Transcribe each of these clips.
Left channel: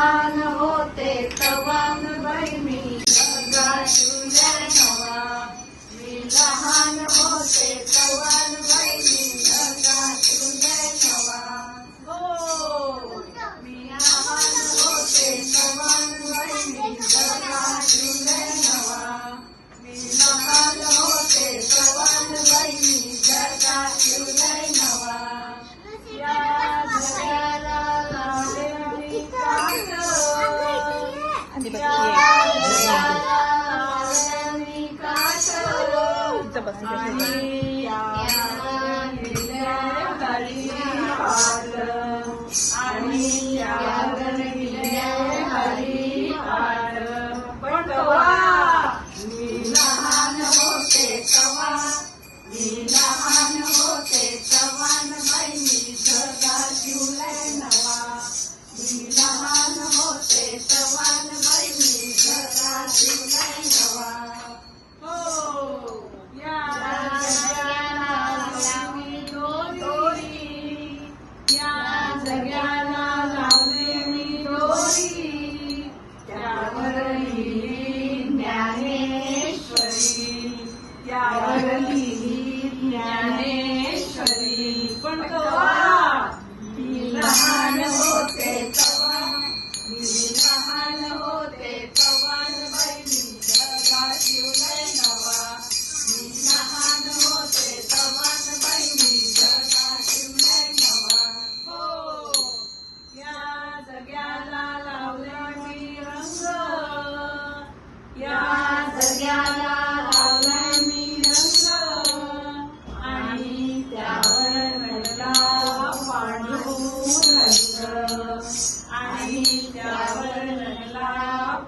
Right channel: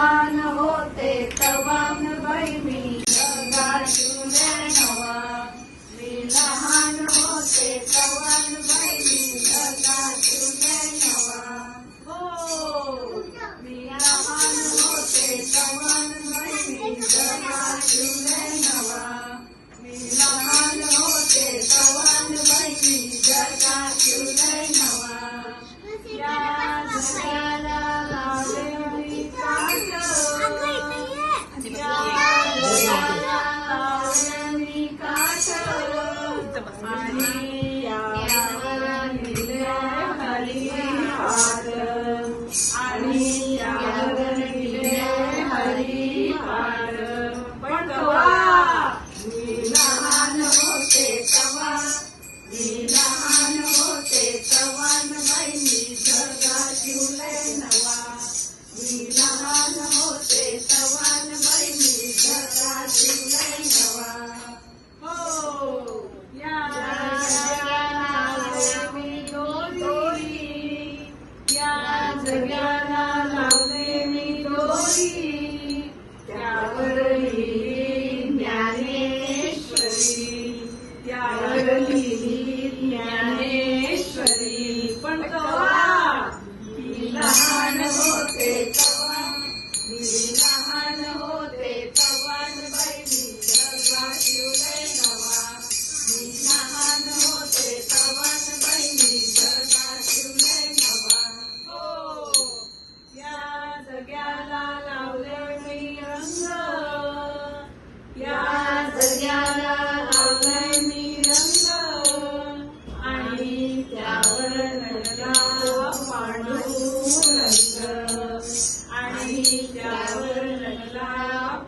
लहान होते तवान बाई मी जगा तुझ्या नवा. मी लहान होते तवान बाई मी जगा तुझ्या नवा. हो मी लहान होते तवान बाई मी जगा तुझ्या नवा. मी लहान होते तवान बाई मी जगा तुझ्या नवा. या जगाला लावले मी काट. या जगाला लावले मी काट. आणि यावर लिहिले हरी हात. आणि यावर लिहिले हरी हात. पण तेव्हा मी लहान होते तेव्हा. मी लहान होते तवान बाई मी जगा तुझ्या नवा. मी लहान होते तवान बाई मी जगा तुझ्या नवा. हो या जगाला लावली दोरी. या जगाला लावली मी दोरी. त्यावर लिहिली ज्ञानेश्वरी. त्यावर लिहिली ज्ञानेश्वरी. पण तेव्हा मी लहान होते तेव्हा. मी लहान होते तवान बाई मी जगा तुझ्या नवा. मी लहान होते तवान बाई मी जगा तुझ्या नवा. हो या जगाला लावलं मी रंग. या जगाला लावलं मी रंग. आणि त्यावर नटला पांडुरंग. आणि त्यावर नटला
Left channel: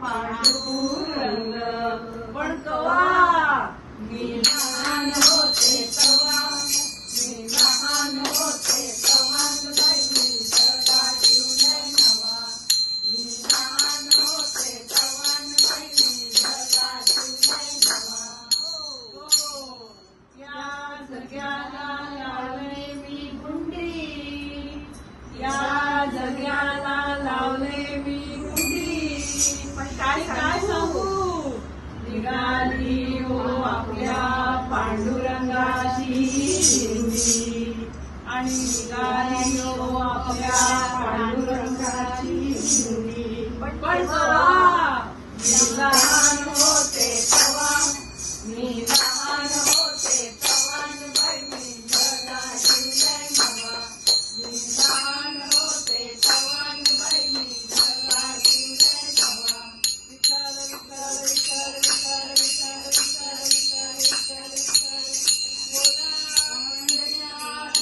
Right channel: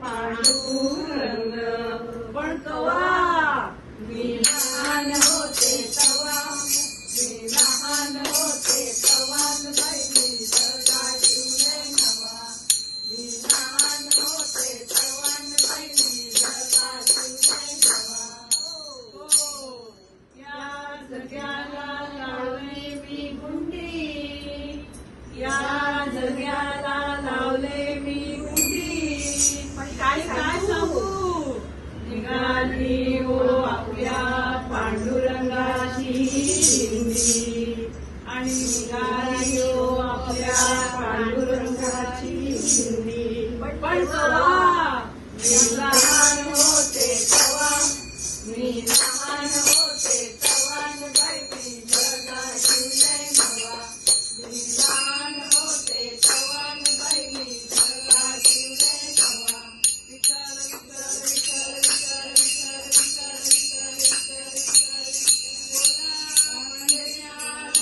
पांडुरंग. पण केव्हा मी लहान होते तेव्हा. मी लहान होते तवान बाई मी जगा तुझ्या नवा. मी लहान होते तवान बाई मी जगा तुझ्या नवा. हो या जगाला लावले मी गुंडी. या जगाला लावले मी गुंडी. पण काय काय सांगू. निघाली हो आपल्या पांडुरंगाची दिंडी. आणि निघाली हो आपल्या पांडुरंगाची दिंडी. पण तेव्हा मी लहान होते तेव्हा. मी लहान होते तवान बाई मी जगा तुझ्या नवा. मी लहान होते तवान बाई मी जगा तुझ्या नवा. विचार विचार विचार विचार विचार विचार विचार विचार विचार.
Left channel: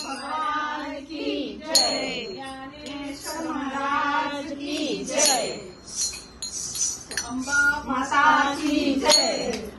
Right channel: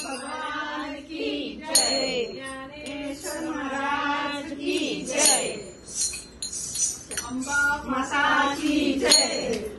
भगवान की जय. ज्ञानेश्वर महाराज की जय. अंबा माता की जय.